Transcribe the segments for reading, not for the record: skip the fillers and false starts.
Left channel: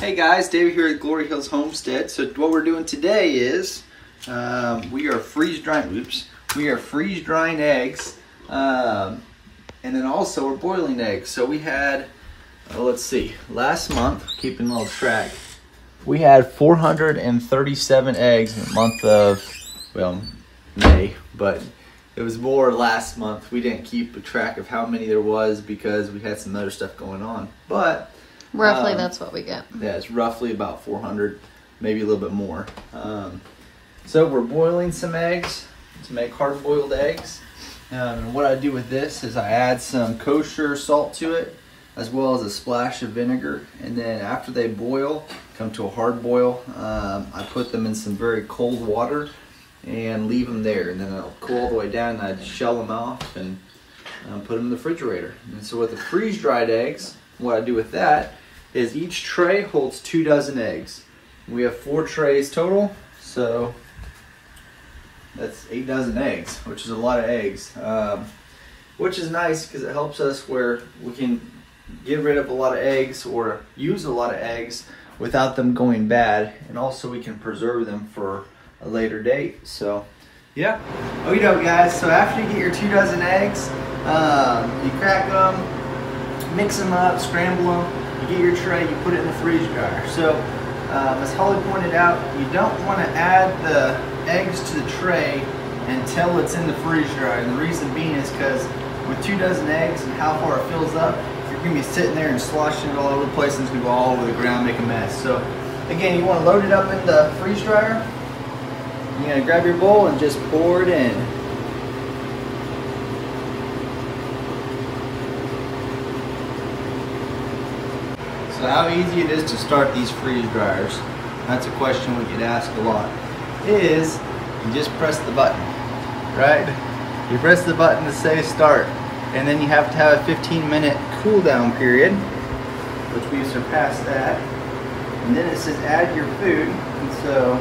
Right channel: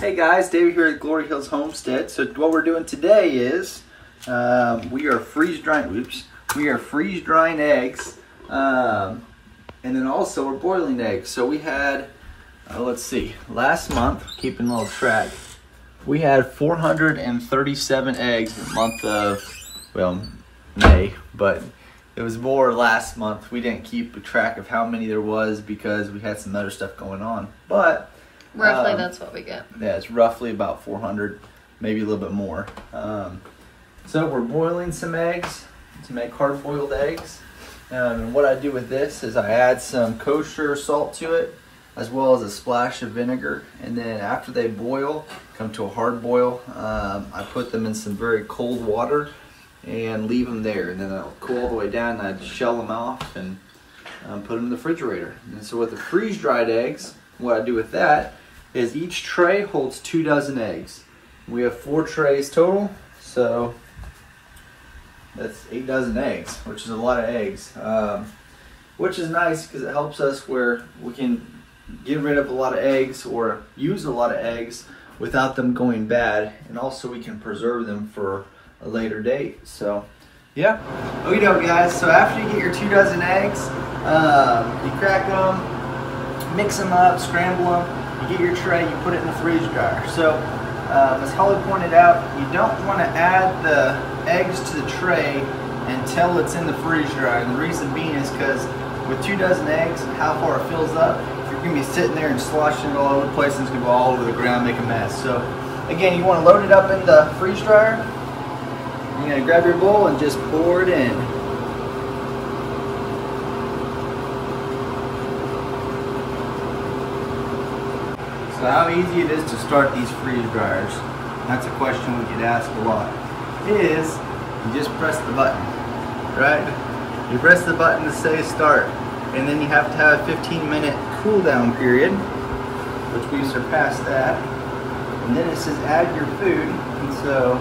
Hey guys, David here at Glory Hills Homestead. So what we're doing today is we are freeze drying eggs, and then also we're boiling eggs. So we had, let's see, last month, keeping a little track, we had 437 eggs in the month of, well, May, but it was more last month. We didn't keep a track of how many there was because we had some other stuff going on, but roughly that's what we get. Yeah, it's roughly about 400, maybe a little bit more. So we're boiling some eggs to make hard-boiled eggs. And what I do with this is I add some kosher salt to it, as well as a splash of vinegar. And then after they boil, come to a hard boil, I put them in some very cold water and leave them there. And then they'll cool all the way down, and I shell them off and put them in the refrigerator. And so with the freeze-dried eggs, what I do with that is each tray holds 2 dozen eggs. We have 4 trays total, so that's 8 dozen eggs, which is a lot of eggs, which is nice because it helps us where we can get rid of a lot of eggs or use a lot of eggs without them going bad, and also we can preserve them for a later date. So yeah, okie doke guys. So after you get your 2 dozen eggs, you crack them, mix them up, scramble them, you get your tray, you put it in the freeze dryer. So as Holly pointed out, you don't want to add the eggs to the tray until it's in the freeze dryer. And the reason being is because with 2 dozen eggs and how far it fills up, you're going to be sitting there and sloshing it all over the place, and it's going to go all over the ground, make a mess. So again, you want to load it up in the freeze dryer. You're going to grab your bowl and just pour it in. So how easy it is to start these freeze dryers, that's a question we get asked a lot, is you just press the button, right? You press the button to say start, and then you have to have a 15-minute cool down period, which we surpassed that, and then it says add your food, and so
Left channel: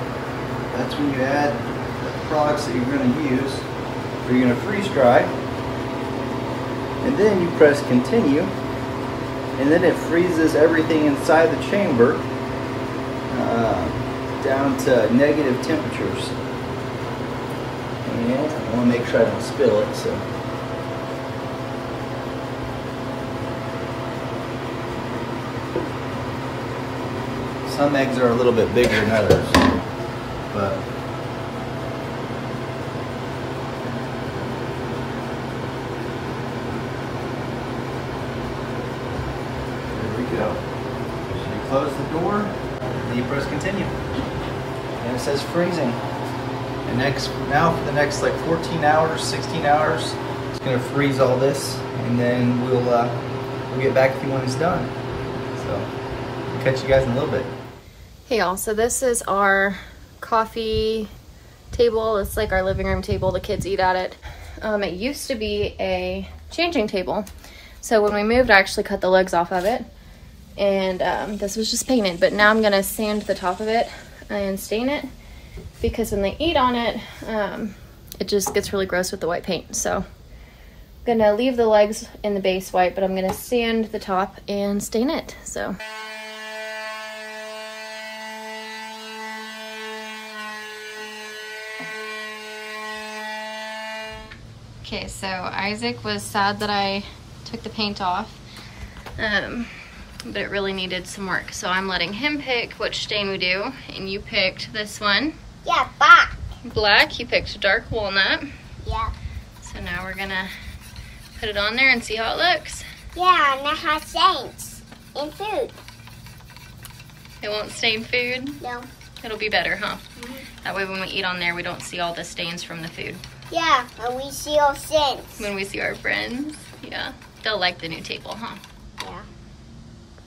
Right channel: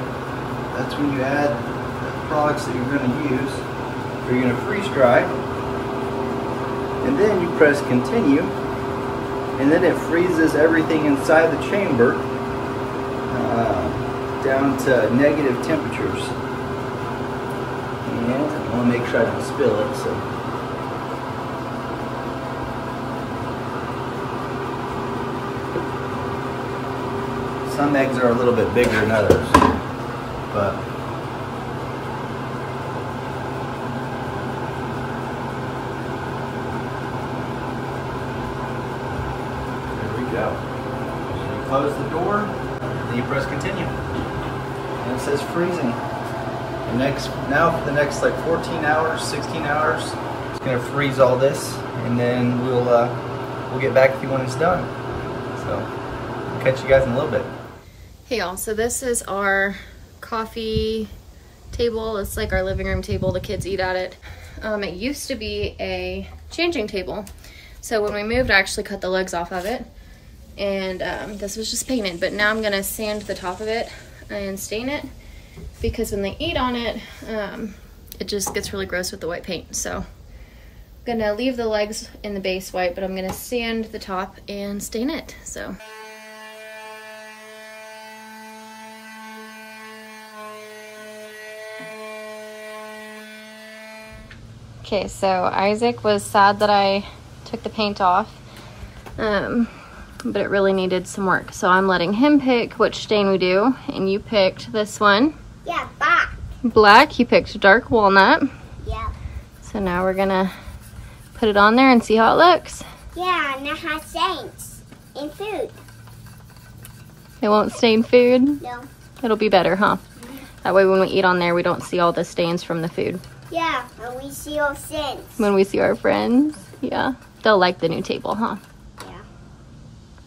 that's when you add the products that you're going to use, or you're going to freeze dry, and then you press continue. And then it freezes everything inside the chamber down to negative temperatures. And I want to make sure I don't spill it. So some eggs are a little bit bigger than others, but go. So you close the door, and you press continue, and it says freezing. And now for the next like 14 hours, 16 hours, it's gonna freeze all this, and then we'll get back to you when it's done. So I'll catch you guys in a little bit. Hey y'all, so this is our coffee table. It's like our living room table. The kids eat at it. It used to be a changing table. So when we moved, I actually cut the legs off of it. And this was just painted, but now I'm gonna sand the top of it and stain it, because when they eat on it, it just gets really gross with the white paint. So I'm gonna leave the legs in the base white, but I'm gonna sand the top and stain it. So. Okay, so Isaac was sad that I took the paint off. But it really needed some work. So I'm letting him pick which stain we do. And you picked this one. Yeah, black. Black, you picked dark walnut. Yeah. So now we're gonna put it on there and see how it looks. Yeah, and it has stains in food. It won't stain food? No. It'll be better, huh? Mm-hmm. That way when we eat on there, we don't see all the stains from the food. Yeah, and we see all stains. When we see our friends, yeah. They'll like the new table, huh?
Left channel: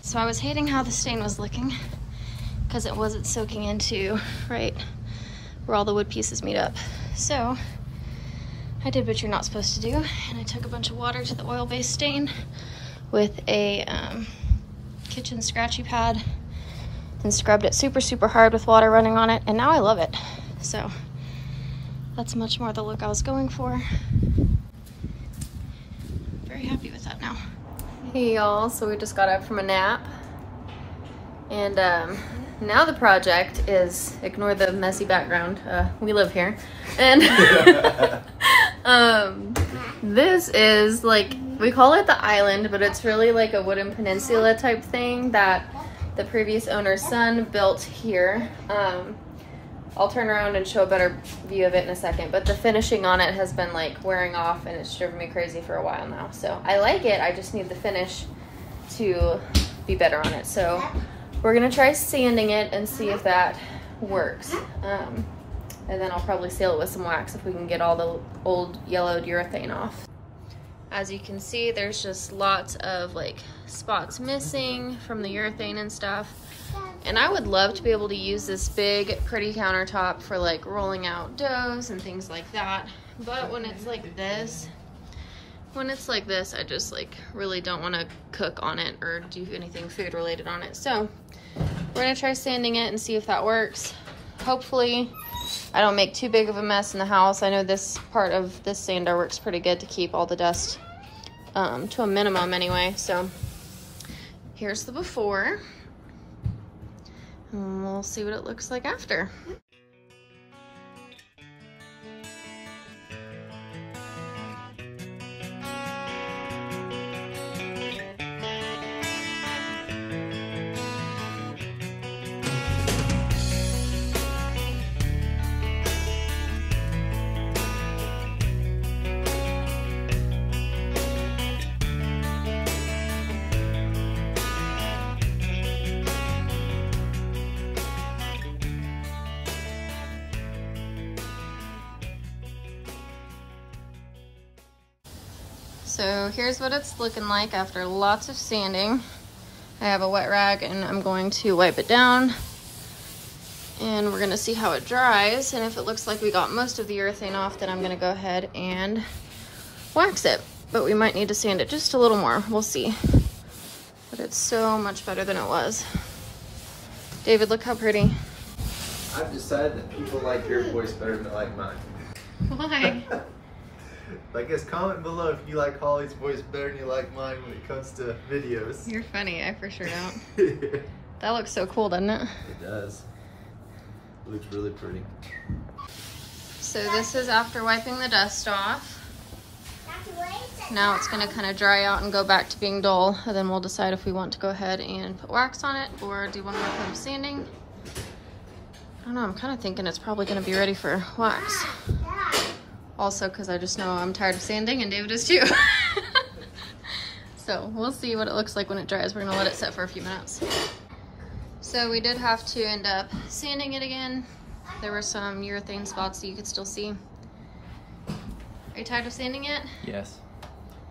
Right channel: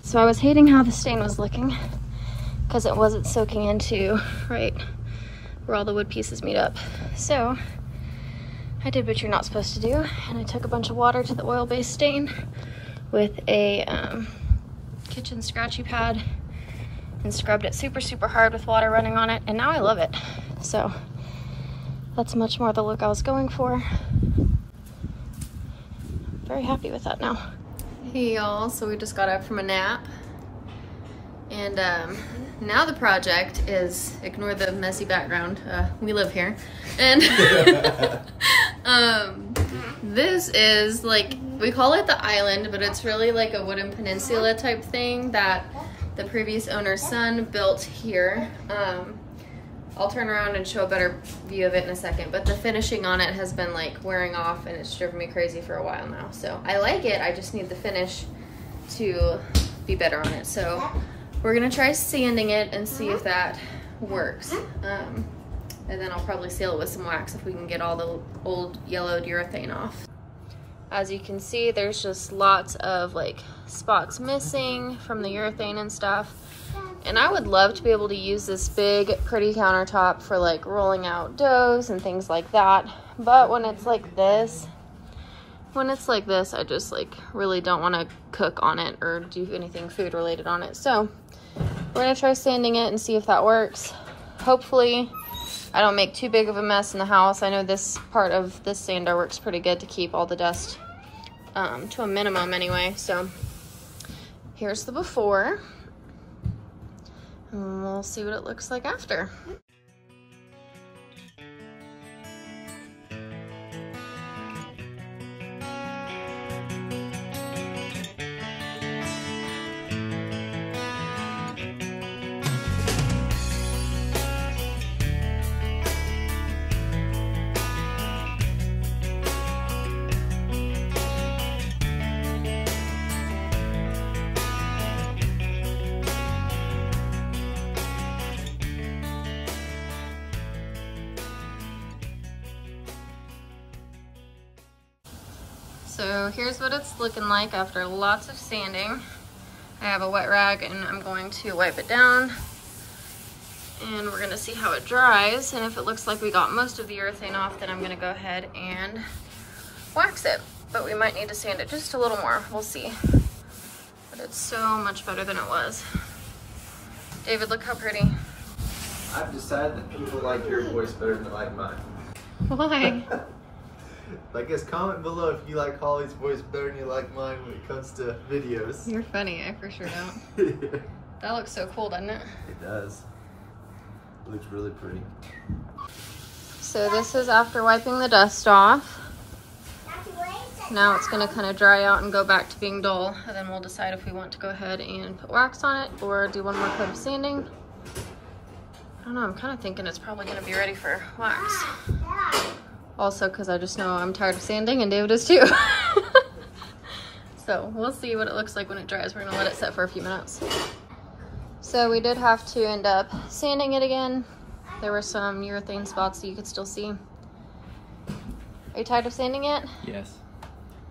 So I was hating how the stain was looking because it wasn't soaking into right where all the wood pieces meet up. So I did what you're not supposed to do, and I took a bunch of water to the oil-based stain with a kitchen scratchy pad and scrubbed it super, super hard with water running on it, and now I love it. So that's much more the look I was going for. Very happy with that now. Hey y'all, so we just got up from a nap And now the project is, ignore the messy background, we live here. And this is like, we call it the island, but it's really like a wooden peninsula type thing that the previous owner's son built here. I'll turn around and show a better view of it in a second, but the finishing on it has been like wearing off and it's driven me crazy for a while now. So I like it, I just need the finish to be better on it. So we're gonna try sanding it and see if that works. And then I'll probably seal it with some wax if we can get all the old yellowed urethane off. As you can see, there's just lots of like spots missing from the urethane and stuff. And I would love to be able to use this big, pretty countertop for like rolling out doughs and things like that. But when it's like this, I just like really don't want to cook on it or do anything food related on it. So we're gonna try sanding it and see if that works. Hopefully I don't make too big of a mess in the house. I know this part of this sander works pretty good to keep all the dust to a minimum anyway. So here's the before, and we'll see what it looks like after. So here's what it's looking like after lots of sanding. I have a wet rag and I'm going to wipe it down and we're gonna see how it dries. And if it looks like we got most of the urethane off, then I'm gonna go ahead and wax it. But we might need to sand it just a little more, we'll see. But it's so much better than it was. David, look how pretty. I've decided that people like your voice better than they like mine. Why? I guess comment below if you like Holly's voice better than you like mine when it comes to videos. You're funny, I for sure don't. That looks so cool, doesn't it? It does. It looks really pretty. So this is after wiping the dust off. Now it's gonna kind of dry out and go back to being dull, and then we'll decide if we want to go ahead and put wax on it or do one more coat of sanding. I don't know, I'm kind of thinking it's probably gonna be ready for wax. Also, because I just know I'm tired of sanding and David is too. So we'll see what it looks like when it dries. We're gonna let it set for a few minutes. So we did have to end up sanding it again. There were some urethane spots that you could still see. Are you tired of sanding it? Yes,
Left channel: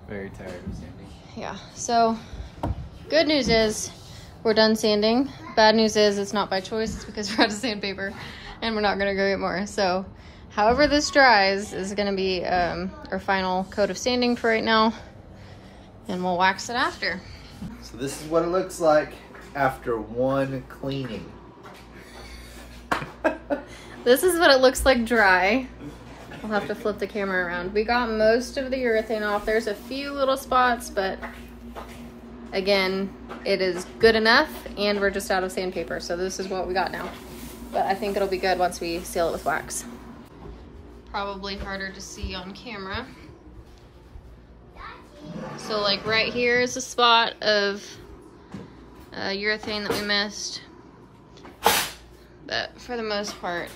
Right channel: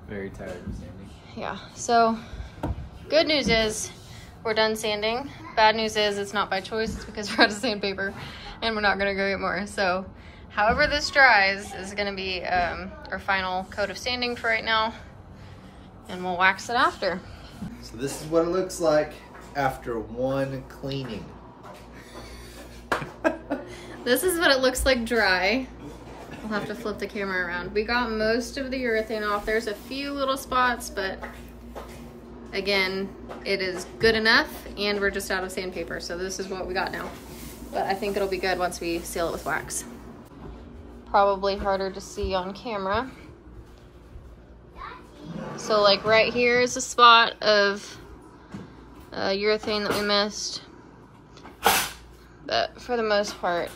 very tired of sanding. Yeah, so good news is we're done sanding. Bad news is it's not by choice, it's because we're out of sandpaper and we're not gonna go get more. So however this dries is gonna be our final coat of sanding for right now, and we'll wax it after. So this is what it looks like after one cleaning. This is what it looks like dry. I'll have to flip the camera around. We got most of the urethane off. There's a few little spots, but again, it is good enough, and we're just out of sandpaper, so this is what we got now. But I think it'll be good once we seal it with wax. Probably harder to see on camera. So like right here is a spot of urethane that we missed. But for the most part,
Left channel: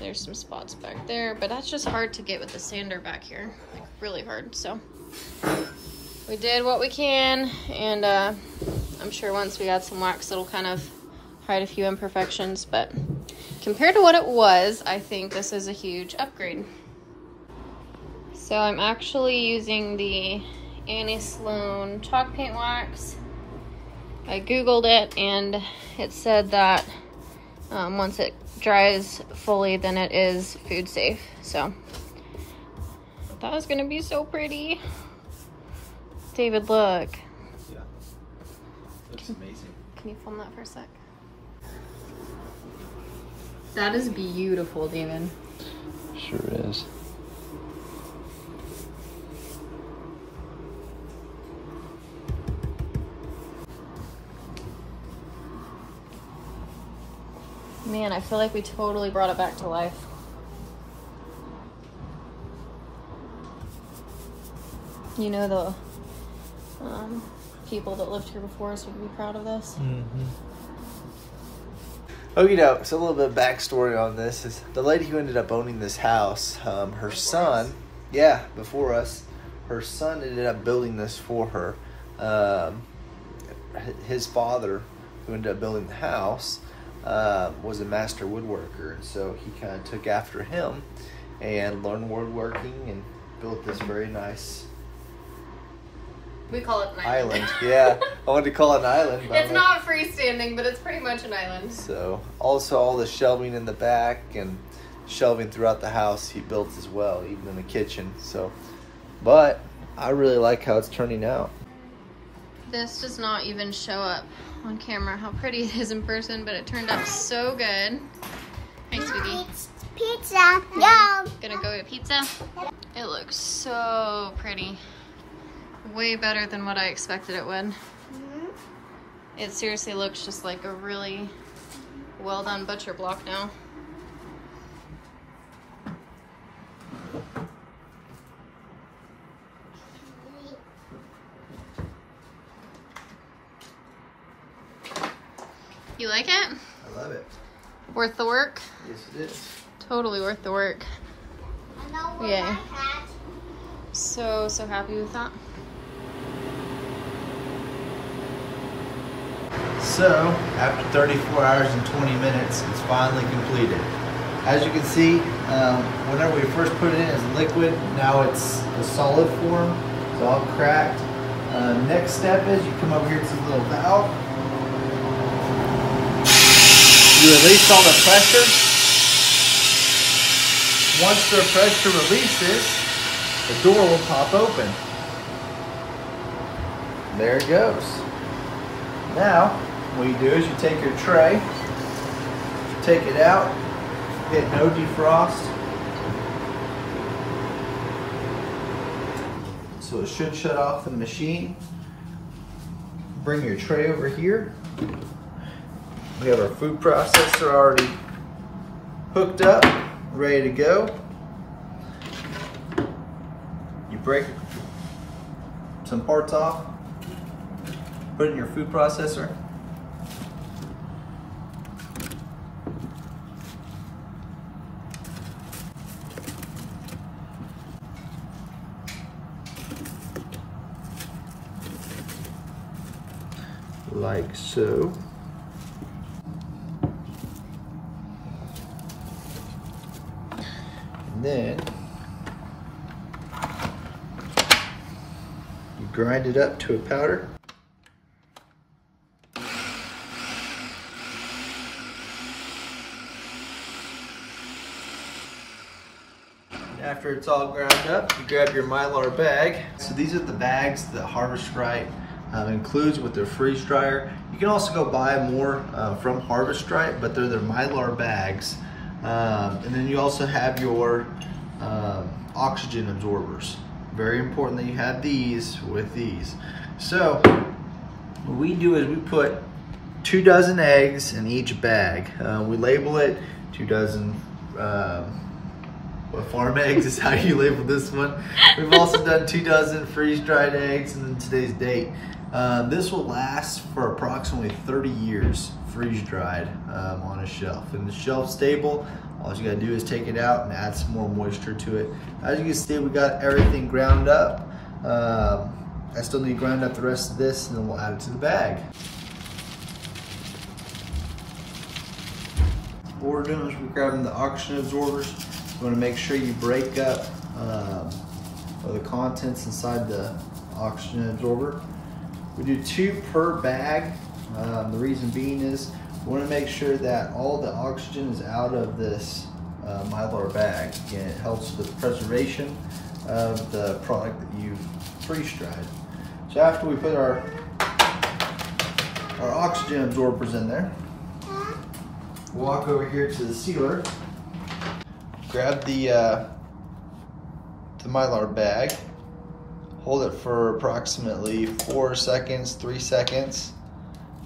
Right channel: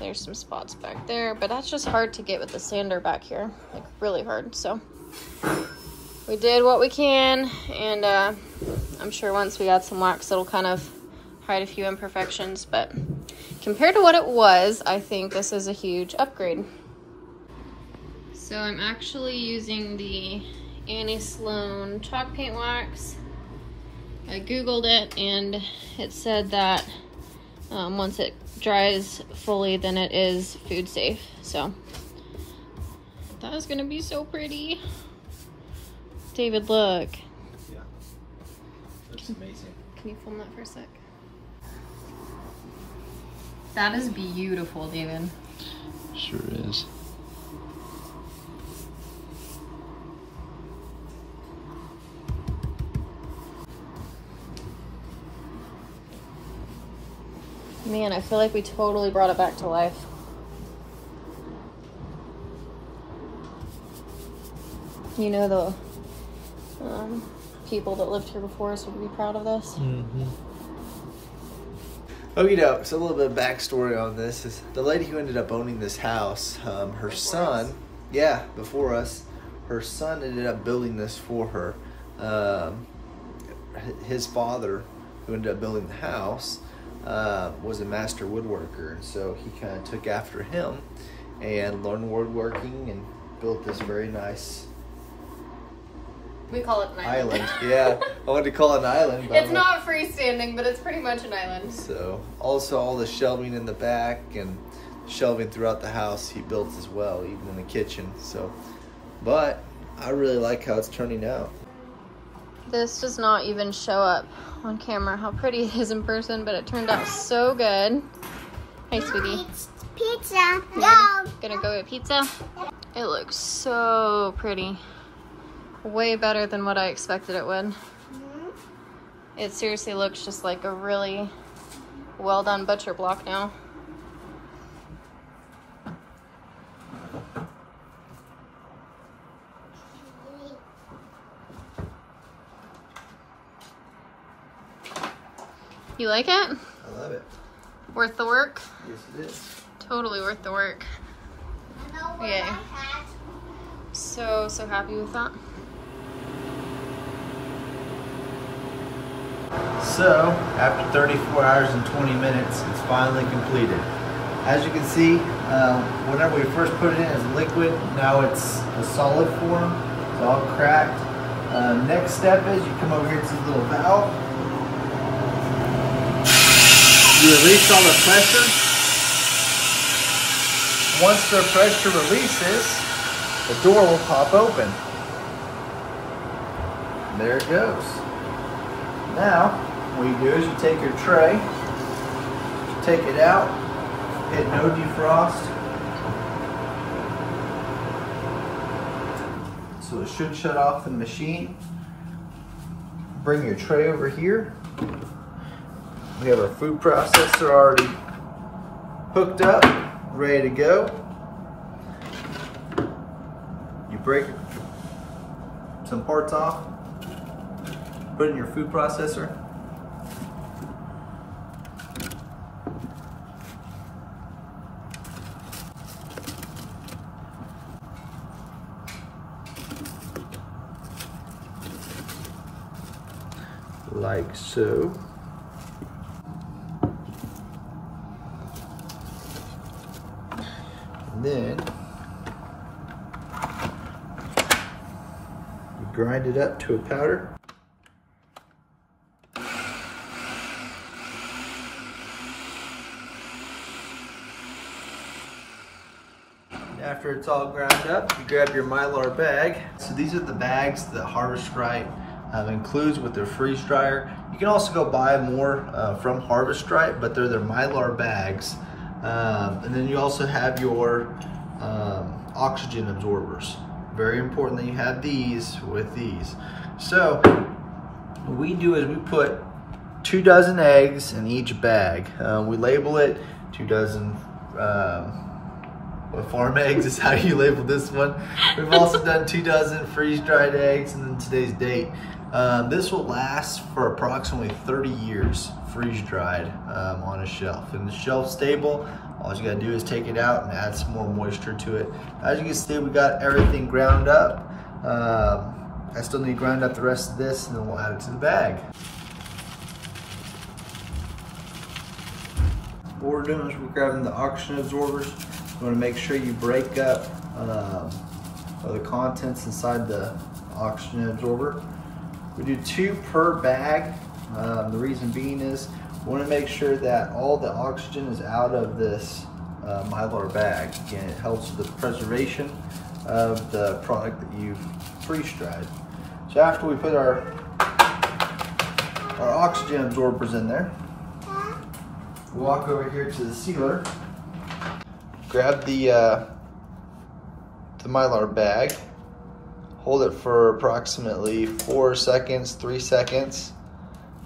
there's some spots back there, but that's just hard to get with the sander back here, like really hard. So we did what we can, and I'm sure once we add some wax, it'll kind of hide a few imperfections, but compared to what it was, I think this is a huge upgrade. So I'm actually using the Annie Sloan chalk paint wax. I googled it and it said that once it dries fully, then it is food safe. So that is gonna be so pretty. David, look. Yeah, looks amazing. Can you film that for a sec? That is beautiful, David. Sure is. Man, I feel like we totally brought it back to life. You know, the people that lived here before us would be proud of this. Mm-hmm. Oh, you know, so a little bit of backstory on this is the lady who ended up owning this house, her son, yeah, before us, her son ended up building this for her. His father, who ended up building the house, was a master woodworker, and so he kind of took after him and learned woodworking and built this very nice. We call it an island. Yeah, I wanted to call it an island, but it's not freestanding, but it's pretty much an island. So, also all the shelving in the back and shelving throughout the house he built as well, even in the kitchen. So, but I really like how it's turning out. This does not even show up on camera how pretty it is in person, but it turned out so good. Hey, sweetie. Pizza. Go. Gonna go get pizza? It looks so pretty. Way better than what I expected it would. It seriously looks just like a really well done butcher block now. You like it? I love it. Worth the work? Yes, it is. Totally worth the work. Yeah. So happy with that. So, after 34 hours and 20 minutes, it's finally completed. As you can see, whenever we first put it in as liquid, now it's a solid form. It's all cracked. Next step is you come over here to this little valve. You release all the pressure. Once the pressure releases, the door will pop open. There it goes. Now, what you do is you take your tray, take it out, hit no defrost. So it should shut off the machine. Bring your tray over here. We have our food processor already hooked up, ready to go. You break some parts off, put it in your food processor. Like so. And then you grind it up to a powder. After it's all ground up, you grab your Mylar bag. So these are the bags that Harvest Right includes with their freeze dryer. You can also go buy more from Harvest Right, but they're their Mylar bags. And then you also have your oxygen absorbers. Very important that you have these with these. So what we do is we put 2 dozen eggs in each bag. We label it 2 dozen farm eggs is how you label this one. We've also done 2 dozen freeze-dried eggs, and then today's date. This will last for approximately 30 years freeze-dried on a shelf. And the shelf stable, all you gotta do is take it out and add some more moisture to it. As you can see, we got everything ground up. I still need to grind up the rest of this, and then we'll add it to the bag. What we're doing is we're grabbing the oxygen absorbers. You want to make sure you break up the contents inside the oxygen absorber. We do 2 per bag. The reason being is we want to make sure that all the oxygen is out of this Mylar bag. Again, it helps with the preservation of the product that you've freeze-dried. So after we put our oxygen absorbers in there, walk over here to the sealer. Grab the Mylar bag, hold it for approximately 4 seconds, 3 seconds,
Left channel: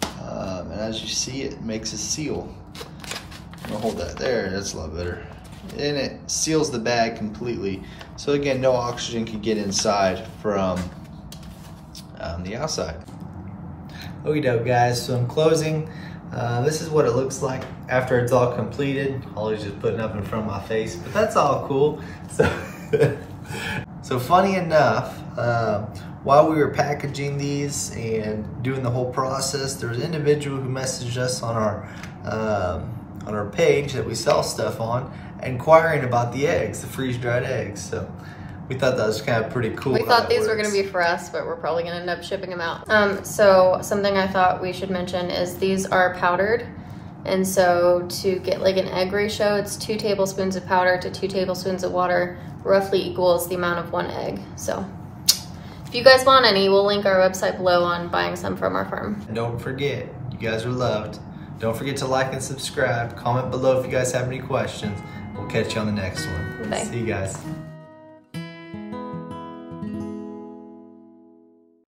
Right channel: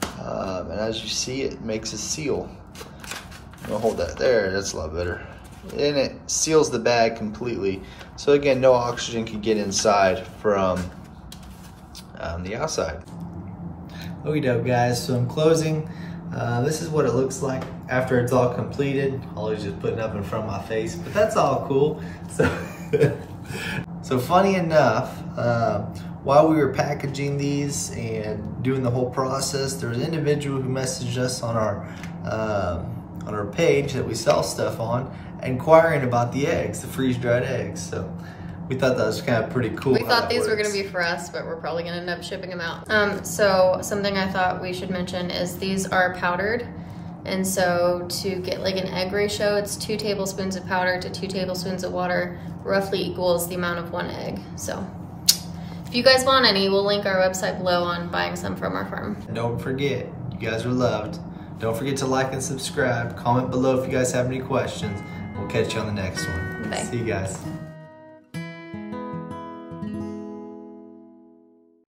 and as you see, it makes a seal. I'll hold that there, that's a lot better. And it seals the bag completely. So again, no oxygen can get inside from the outside. Okie doke, guys, so in closing, this is what it looks like after it's all completed. Ollie's just putting up in front of my face, but that's all cool. So funny enough, while we were packaging these and doing the whole process, there was an individual who messaged us on our page that we sell stuff on, inquiring about the eggs, the freeze-dried eggs. So we thought that was kind of pretty cool. We thought these were gonna be for us, but we're probably gonna end up shipping them out. So something I thought we should mention is these are powdered. And so to get like an egg ratio, it's 2 tablespoons of powder to 2 tablespoons of water, roughly equals the amount of 1 egg. So if you guys want any, we'll link our website below on buying some from our farm. And don't forget, you guys are loved. Don't forget to like and subscribe. Comment below if you guys have any questions. We'll catch you on the next one. Bye. See you guys.